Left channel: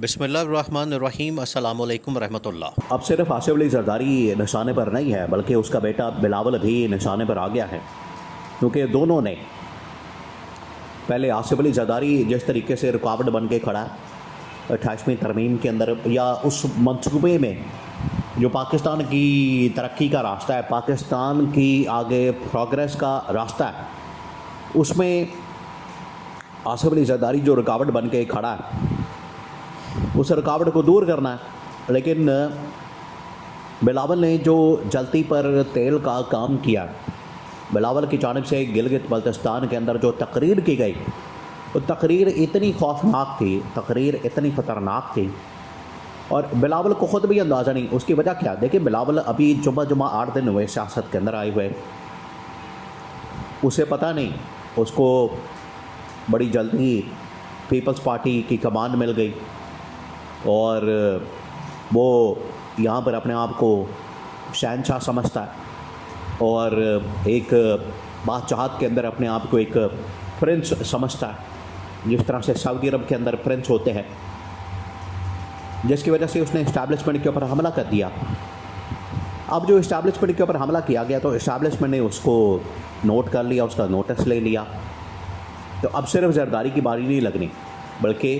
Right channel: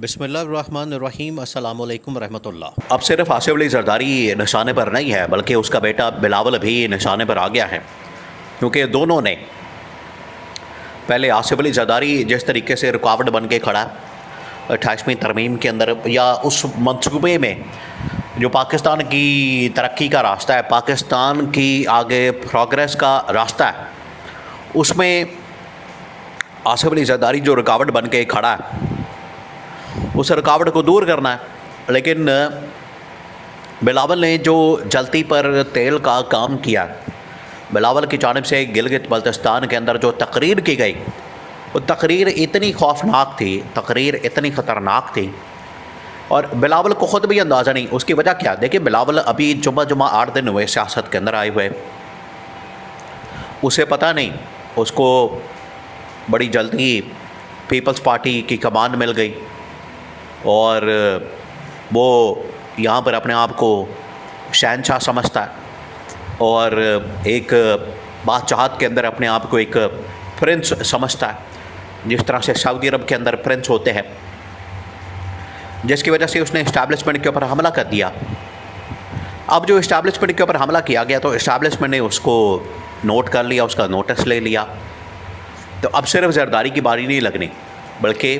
बिस्मिल्लाहिर्रहमानिर्रहीम अस्सलामु अलैकुम रहमतुल्लाह। अब सिर्फ आसिफ अली जरदारी निशाने पर नहीं है, बल्कि उसका बेटा बिलावल भी निशाने पर आ गया है, क्योंकि दोनों ने पहले आसिफ अली जरदारी जिस तरीके से रुकावट बन के खड़ा 28वीं तरमीम के अंदर या उस मंसूबे में जो पाकिस्तान की तरक्की का रास्ता है, पाकिस्तान की आगे प्रोग्रेस का रास्ता है, उसमें आसिफ अली जरदारी जो रुकावट बन के खड़ा है उस रुकावट को दूर करना है। लेकिन बिलावल ने जो जलती पर तेल का काम किया, बिलावल की जानिब से गिलगित बल्तिस्तान के अंदर जो तकरीर की गई, वो तकरीर इतनी खौफनाक थी, तकरीर इतनी ख़तरनाक थी, और बिलावल को ख़ुद भी अंदाज़ा नहीं। उसकी वजह क्या? देखिए, बिलावल अभी जुम्मा 8 दिन हुए सियासत के अंदर आए हुए, उसे पता नहीं, उसको बड़ी जल्दी पीपल्स पार्टी की कमान मिल गई और वो यहाँ पर अपने आप को शहनशाह समझता है और एक बादशाहत के अंदर अपने आप को एक प्रिंस समझता है, जिस तरह से सऊदी अरब के अंदर प्रिंस होते हैं, जिसकी वजह से उसने इस्टेब्लिशमेंट के ऊपर हमला कर दिया। अब जो इस्टेब्लिशमेंट के ऊपर हमला किया गया तो इस्टेब्लिशमेंट ने उसको नोट कर लिया, उसका नोटिस ले लिया। तो अब सिर्फ जरदारी की बारी नहीं लगनी, बल्कि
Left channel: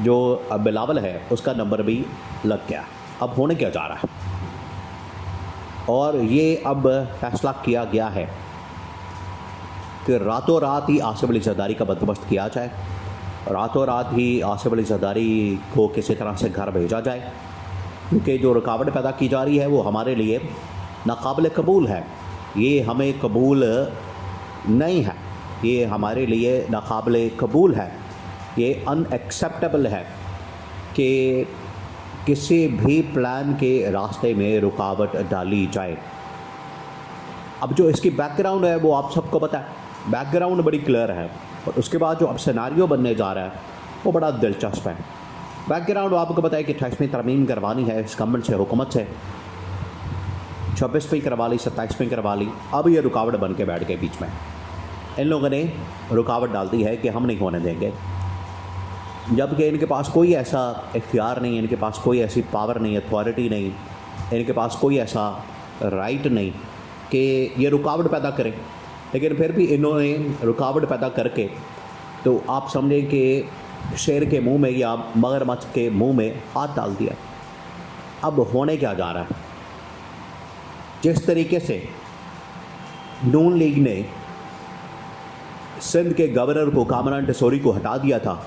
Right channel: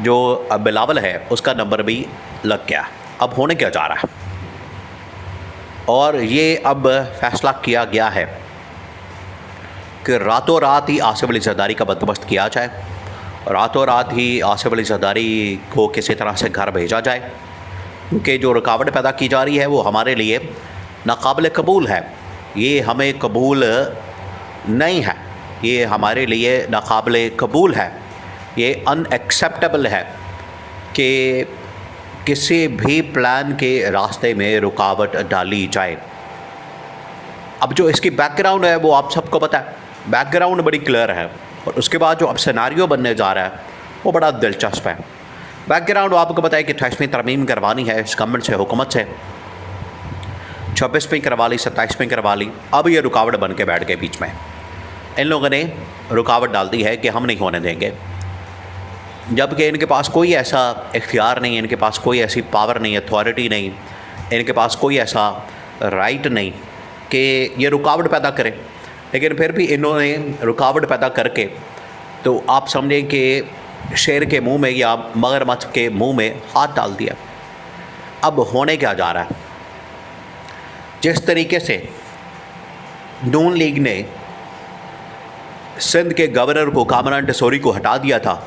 जो बिलावल है उसका नंबर भी लग गया। अब होने क्या जा रहा है, और ये अब फैसला किया गया है कि रातों रात ही आसिफ अली जरदारी का बंदोबस्त किया जाए, रातों रात ही आसिफ अली जरदारी को किसी तरह से घर भेजा जाए, क्योंकि जो रुकावट पैदा की जा रही है वो हमारे लिए नाकाबिल कबूल है। ये हमें कबूल नहीं है, ये हमारे लिए नाकाबिल कबूल है, ये अनएक्सेप्टेबल है कि किसी भी प्लान के रास्ते में रुकावट डाली जाए। अब जो इसकी बैकग्राउंड है वो आप सबको पता है, बैकग्राउंड बड़ी क्लियर है, और उसके बाद जो अब सिनारियो बनने जा रहा है वो बड़ा दिलचस्प है। बैकग्राउंड आपको पता है कि 28वीं तरमीम करवानी है इस गवर्नमेंट से, हुकूमत से, 26वीं करवा ली, 27वीं करवा ली, अब ये रुकावट बन के बैठ गए बीच में। इन लोगों ने रुकावट डाल दी है कि हम नहीं होने देंगे, जबकि इनके पास कोई ऐसा इख्तियार नहीं, इनके पास कोई ऐसी पावर नहीं, अथॉरिटी नहीं, इनके पास कोई ऐसा राइट नहीं कि ये रुकावट पैदा करें। लेकिन फिर भी इन्होंने रुकावट पैदा करके, तो आप समझें कि शेर के मुंह में या मगरमच्छ के मुंह में हाथ डाल दिया। अब होने क्या जा रहा है? जिस तरीके से नून लीग ने सिंध के गवर्नर को, कामरान टेसोरी को हटा दिया था,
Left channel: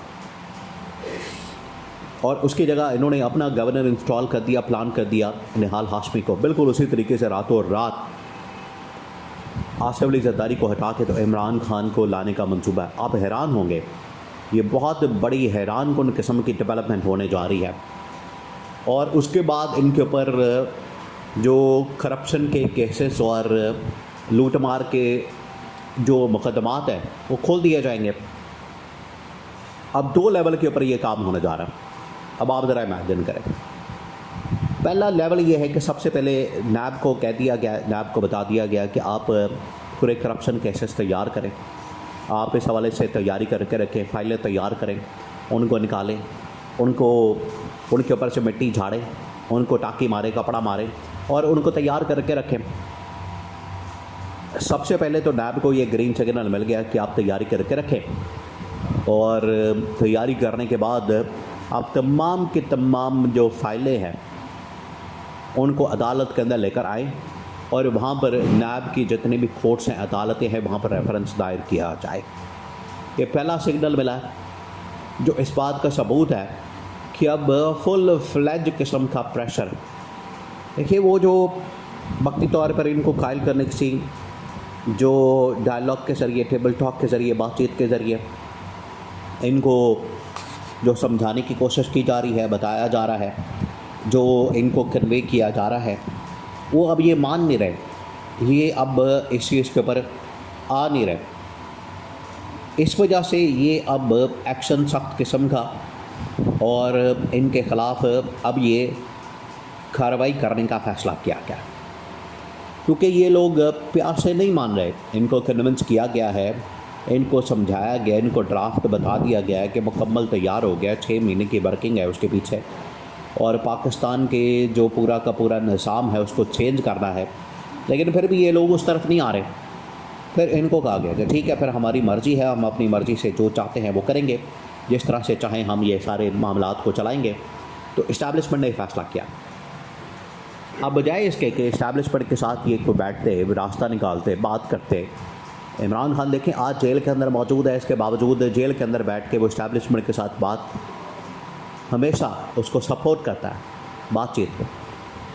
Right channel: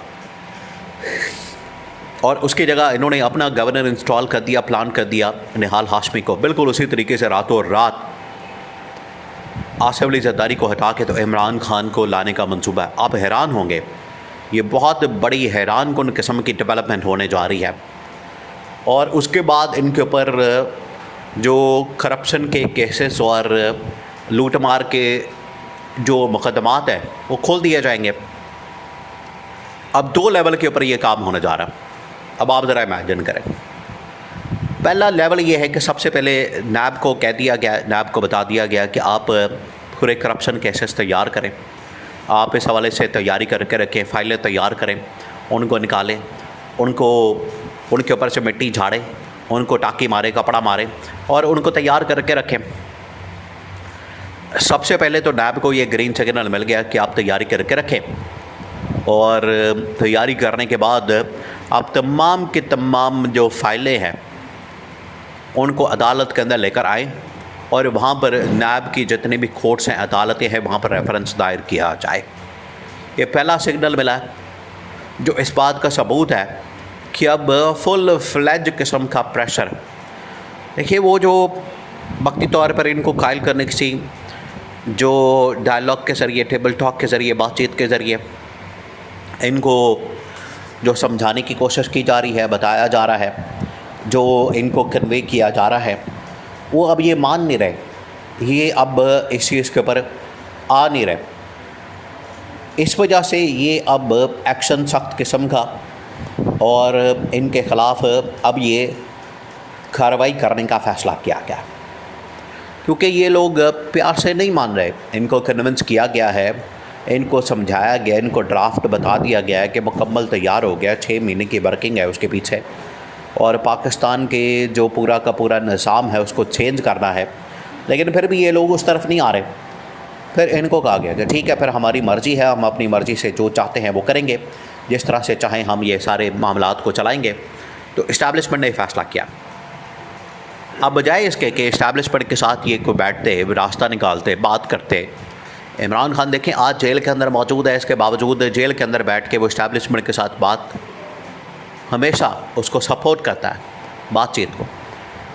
और उसकी जगह इन्होंने अपना गवर्नर इंस्टॉल कर दिया, प्लान कर दिया निहाल हाशमी को, बिल्कुल उसी तरीके से रातों रात आसिफ अली जरदारी को हटा के तो इमरान खान को लाने का मंसूबा है। आप हैरान होंगे, ये बहुत बड़ी हैरान कुन किस्म की डेवलपमेंट होने जा रही है। और उसके बाद इनके ऊपर जो करप्शन के केसेस और लूट मार के जो मुकदमात हैं वो खोल दिए जाएंगे। अब 2 लेवल के ऊपर ये काम होने जा रहा है। अब आप ज़रा इमेजिन करें, पहला लेवल ये है कि सबसे पहले नैब को कह दिया गया, नैब को बता दिया गया कि आप पूरे करप्शन केसेस तैयार करें, आप इस हवाले से तैयारी करके रखें, फाइलें तैयार करें, उनको निकालें, उनको उनके ऊपर से मिट्टी झाड़ें, उनको टाँकी मारे, कपड़ा मारे, और उनको तैयार करके रखें। सबसे पहले तो नैब को ये ग्रीन सिग्नल मिल गया कि आप तैयारी करके रखें, और तैयारी करने के बाद आप तमाम की तमाम जो फाइलें हैं उनको अदालत के अंदर लेकर आएँ, और वहाँ पर नैब की जितनी भी कोर्ट्स हैं, अदालतें हैं, वहाँ पर रेफरेंस दायर किया जाए। ये पहला सिग्नल मिला है, जो इस बात का सबूत है कि अब फुल फ्लेज किस्म का प्रेशर, देखिए वो जो वक्ती तौर पर इनको कायल करने की, जो डायलॉग के ज़रिए, टेबल टॉक के ज़रिए, बातचीत के ज़रिए इनको जो समझाने की कोशिश की जा रही है, बताया जा रहा है, जो इनको कन्वे किया जा रहा है, वो अब ये मान नहीं रहे, ये अब इस चीज़ के ऊपर आ नहीं रहे। इस वजह से ये अब एक्शन सख्त किस्म का, और इनके ख़िलाफ़ अब ये कार्रवाई करने का फ़ैसला किया गया, क्योंकि ये लोग प्यार से नहीं मान रहे। इनको कन्विंस किया गया है इनको समझाया गया, इनको ड्राफ्ट बता दिया गया है कि मुकम्मल तैयार हो गया, 6 महीने की वर्किंग है उसके पीछे, और पाकिस्तान के जो पूरा का पूरा निज़ाम है उसको चेंज करना है। लेकिन फिर भी ये लोग उस तरफ नहीं आ रहे। फिर इनको कहा गया कि ठीक है, फिर हमारी मर्ज़ी है, हम अपनी मर्ज़ी से जो चाहते हैं वो करेंगे, जिस तरह से चाहें हम ये सारे मामलात को चलाएँगे। तो इस्टेब्लिशमेंट ने फ़ैसला किया। अब बजाय इसके कि इस्टेब्लिशमेंट के साथ ये को बैठते, रास्ता निकालते, बात करते, इमरान खान देखें आज जेल के अंदर मौजूद है, इसके बावजूद जेल के अंदर बैठ के वो इस्टेब्लिशमेंट के साथ बात, हमेशा उसको सपोर्ट करता है बातचीत को,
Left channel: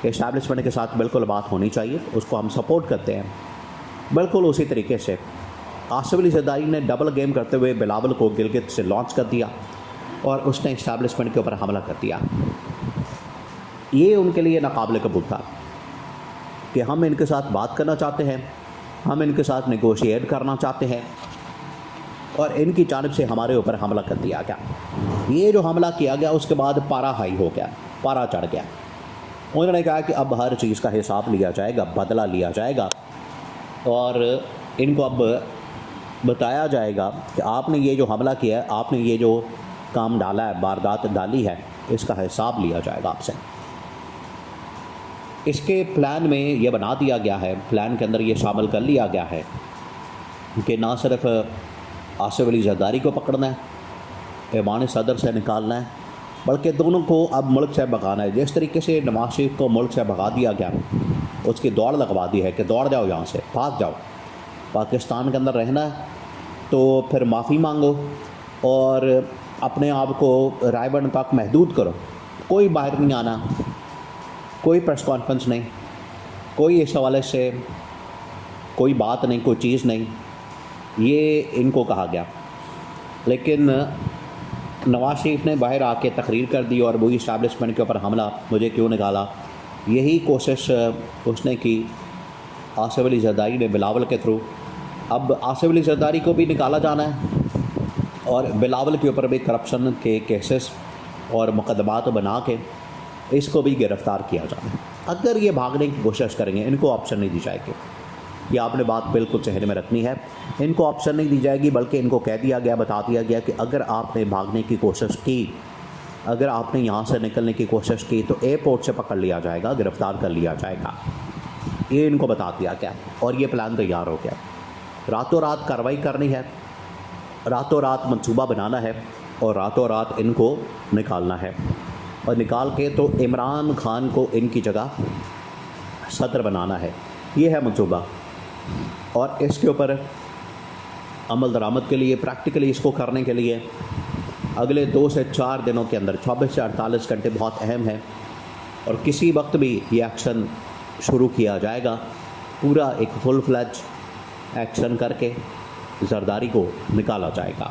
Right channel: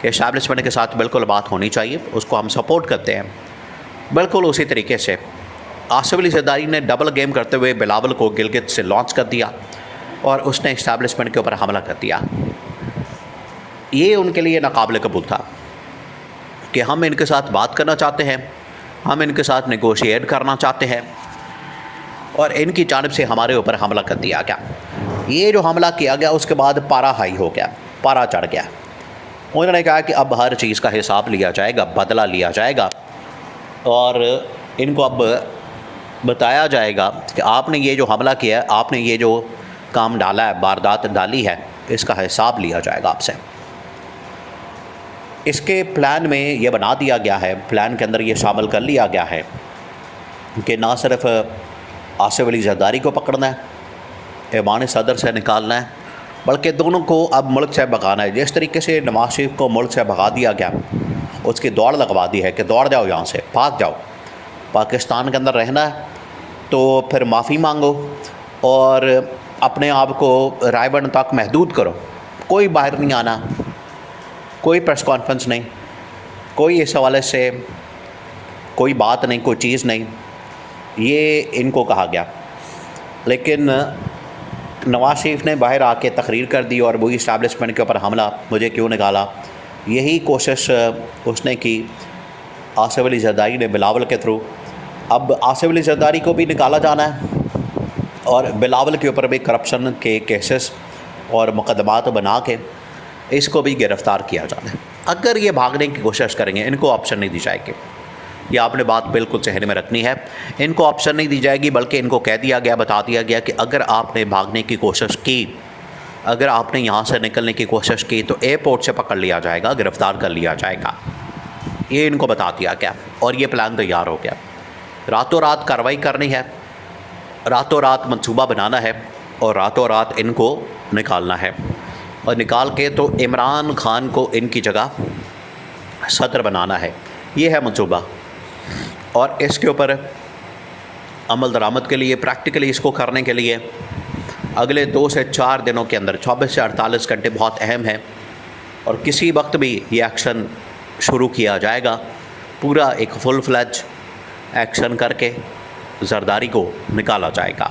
कि इस्टेब्लिशमेंट के साथ बिल्कुल बात होनी चाहिए, उसको हम सपोर्ट करते हैं। बिल्कुल उसी तरीके से आसिफ अली ज़रदारी ने डबल गेम करते हुए बिलावल को गिलगित से लॉन्च कर दिया और उसने इस्टेब्लिशमेंट के ऊपर हमला कर दिया। ये उनके लिए नाकाबिल कबूल था कि हम इनके साथ बात करना चाहते हैं, हम इनके साथ नेगोशिएट करना चाहते हैं, और इनकी जानिब से हमारे ऊपर हमला कर दिया गया। ये जो हमला किया गया उसके बाद पारा हाई हो गया, पारा चढ़ गया। उन्होंने कहा कि अब हर चीज़ का हिसाब लिया जाएगा, बदला लिया जाएगा, और इनको अब बताया जाएगा कि आपने ये जो हमला किया है, आपने ये जो काम डाला है, वारदात डाली है, इसका हिसाब लिया जाएगा आपसे। इसके प्लान में ये बना दिया गया है, प्लान के अंदर ये शामिल कर लिया गया है कि ना सिर्फ आसिफ अली ज़रदारी को पकड़ना है, ऐवान सदर से निकालना है, बल्कि दोनों को अब मुल्क से भगाना है। जिस तरीके से नवाज शरीफ को मुल्क से भगा दिया गया, उसकी दौड़ लगवा दी है कि दौड़ जाओ यहाँ से, भाग जाओ, पाकिस्तान के अंदर रहना है तो फिर माफ़ी मांगो और अपने आप को रायबंद तक महदूद करो, कोई बाहर नहीं आना, कोई प्रेस कॉन्फ्रेंस नहीं, कोई इस हवाले से कोई बात नहीं, कोई चीज़ नहीं, ये इनको कहा गया। लेकिन नवाज शरीफ ने बाहर आके तकरीर कर दी और वही इस्टेब्लिशमेंट के ऊपर हमला, मुझे क्यों निकाला, यही कोशिश उसने की आसिफ अली ज़रदारी ने बिलावल के थ्रू। अब आसिफ अली ज़रदारी को भी निकाला जाना है और बिलावल के ऊपर भी करप्शन के केसेस और मुकदमात बना के इसको भी गिरफ़्तार किया जाना है। अगर ये भागने की कोशिश करेंगे, इनको ऑप्शन नहीं दी जाएगी। ये आपने बात बिल्कुल जहन में रखनी है, इनको ऑप्शन नहीं दी जाएगी, बल्कि इनको कह दिया गया, बता दिया गया कि अगर आपने भागने की कोशिश की, अगर आपने यहाँ से निकलने की कोशिश की तो एयरपोर्ट से पकड़ लिया जाएगा, गिरफ़्तार कर लिया जाएगा। ये इनको बता दिया गया और ये प्लान तैयार हो गया। रातों रात कार्रवाई करनी है, रातों रात मंसूबा बनाना है और रातों रात इनको निकालना है, और निकाल के तो इमरान खान को इनकी जगह सदर बनाना है। ये है मंसूबा, और इसके ऊपर अमल दरामद के लिए, प्रैक्टिकली इसको करने के लिए अगले 2 से 4 दिनों के अंदर 24 से 48 घंटे बहुत अहम है, और किसी वक्त भी ये एक्शन शुरू किया जाएगा। पूरा एक फुल फ्लैज एक्शन करके ज़रदारी को निकाला जाएगा।